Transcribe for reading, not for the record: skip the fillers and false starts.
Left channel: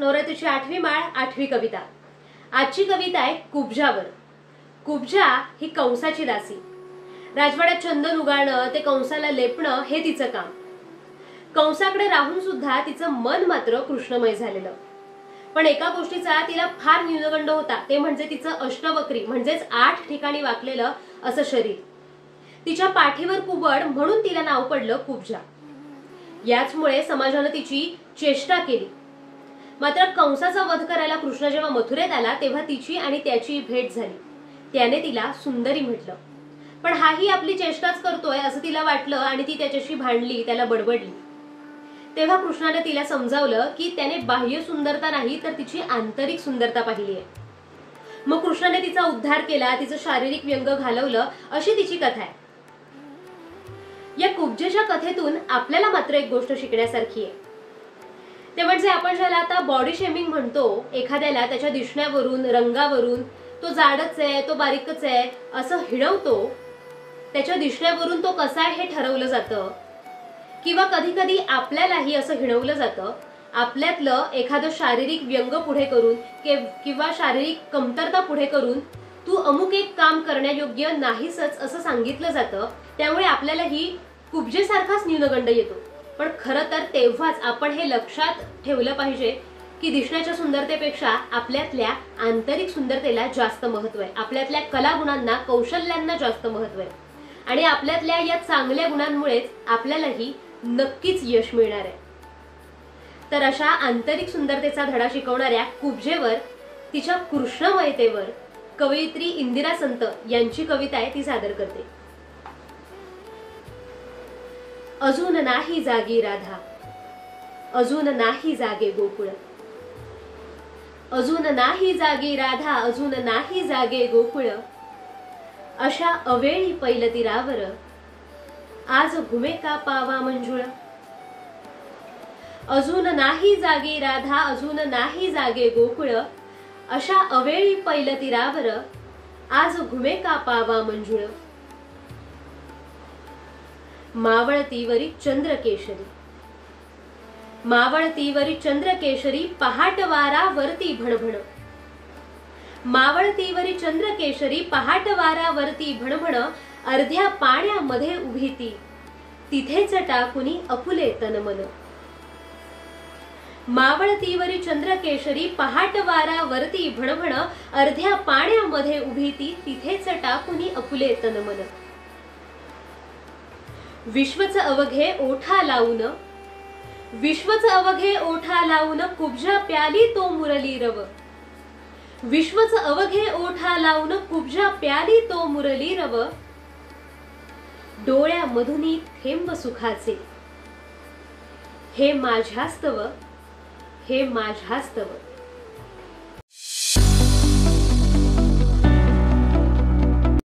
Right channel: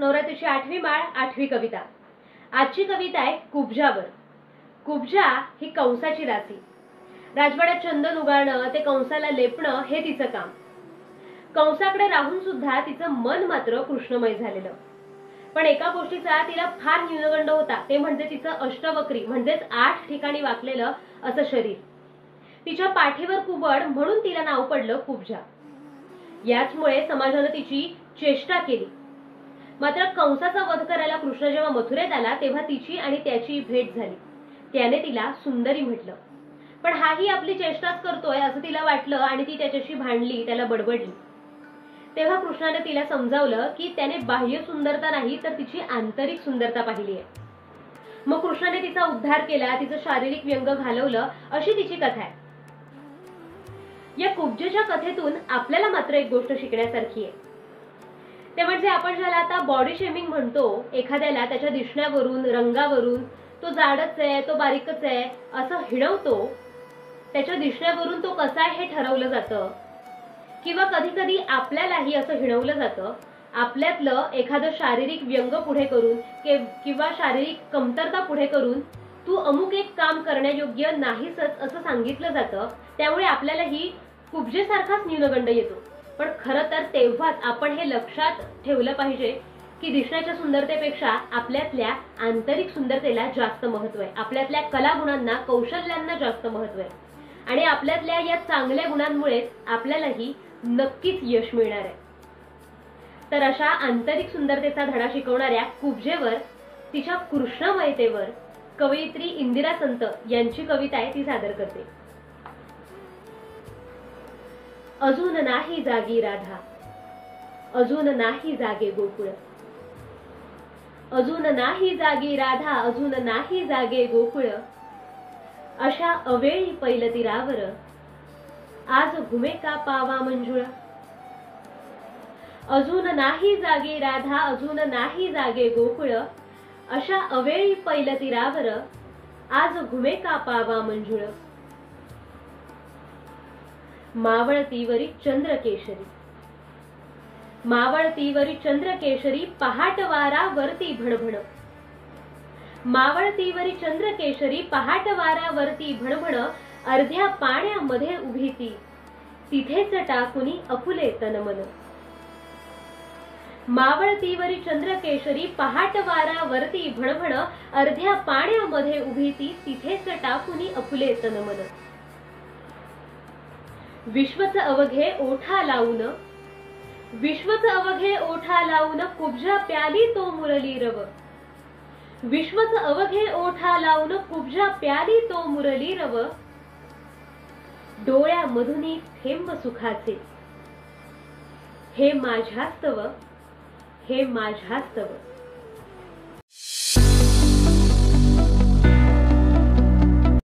नवरात्रीची 8वी माळ 8वी कविता। आजची कविता आहे कुब्जावर। कुब्जा ही कंसाची दासी। राजवाड्यात चंदन उगाळणं ते कंसाला लेपणं हे तिचं काम। कंसाकडे राहून सुद्धा तिचं मन मात्र कृष्णमय झालेलं। पण एका गोष्टीचा तिला फार न्यूनगंड होता, ते म्हणजे तिचं अष्टवक्री म्हणजेच 8 ठिकाणी वाकलेलं असं शरीर। तिच्या पाठीवर कुबड म्हणून तिला नाव पडलं कुब्जा। याचमुळे समाजाने तिची चेष्टा केली। मात्र कंसाचा वध करायला कृष्ण जेव्हा मथुरेत आला तेव्हा तिची आणि त्याची भेट झाली। त्याने तिला सुंदरी म्हटलं, पण हाही आपली चेष्टाच करतोय असं तिला वाटलं आणि ती त्याच्याशी भांडली, त्याला बडबडली। तेव्हा कृष्णाने तिला समजावलं की त्याने बाह्य सुंदरता नाही तर तिची आंतरिक सुंदरता पाहिली आहे। मग कृष्णाने तिचा उद्धार केला, तिचं शारीरिक व्यंग घालवलं, अशी तिची कथा आहे। या कुब्जेच्या कथेतून आपल्याला मात्र एक गोष्ट शिकण्यासारखी आहे, ते म्हणजे आपण ज्याला आता बॉडी शेमिंग म्हणतो, एखाद्याला त्याच्या दिसण्यावरून, रंगावरून, तो जाडच आहे, तो बारीकच आहे असं हिणवतो, त्याच्या दिसण्यावरून तो कसा आहे हे ठरवलं जातं, किंवा कधी कधी आपल्यालाही असं हिणवलं जातं। आपल्यातलं एखादं शारीरिक व्यंग पुढे करून किंवा शारीरिक कमतरता पुढे करून तू अमुक एक काम करण्यायोग्य नाहीसच असं सांगितलं जातं। त्यामुळे आपल्यालाही कुब्जेसारखाच न्यूनगंड येतो। पण खरं तर तेव्हाच आपण हे लक्षात ठेवलं पाहिजे की दिसण्याच्या सुंदरतेपेक्षा आपल्यातल्या आंतरिक सुंदरतेला जास्त महत्त्व आहे, आपल्यातल्या कलागुणांना, कौशल्यांना जास्त महत्त्व आहे आणि आपल्यातल्या या चांगल्या गुणांमुळेच आपल्यालाही नक्कीच यश मिळणार आहे। तर अशा आंतरिक सुंदरतेचा धडा शिकवणाऱ्या कुब्जेवर, तिच्या कृष्णमयतेवर कवयित्री इंदिरा संत यांची कविता आहे, ती सादर करते। अजून नाही जागी राधा, अजून नाही जागे गोकुळ, अजून नाही जागी राधा, अजून नाही जागे गोकुळ, अशा अवेळी पैल तीरावर आज घुमे का पावा मंजुळा। अजून नाही जागी राधा, अजून नाही जागे गोकुळ, अशा अवेळी पैल तीरावर आज घुमे का पावा मंजुळ। मावळतीवरी चंद्रकेशरी, मावळतीवरी चंद्रकेशरी पहाटवारावरती भणभण, मावळतीवरी चंद्रकेशरी पहाटवारावरती भणभण, अर्ध्या पाण्यामध्ये उभी ती तिथेच टाकुनी अपुले तन मन। मावळतीवरी चंद्रकेशरी पहाटवारावरती भणभण, अर्ध्या पाण्यामध्ये उभी ती तिथेच टाकुनी अपुले तन मन। विश्वच अवघे ओठा लावून, विश्वच अवघे ओठा लावून कुब्जा प्याली तो मुरली रव, विश्वच अवघे ओठा लावून कुब्जा प्याली तो मुरली रव, डोळ्यामधुनी थेंब सुखाचे हे माझ्यास्तव, हे माझ्यास्तव।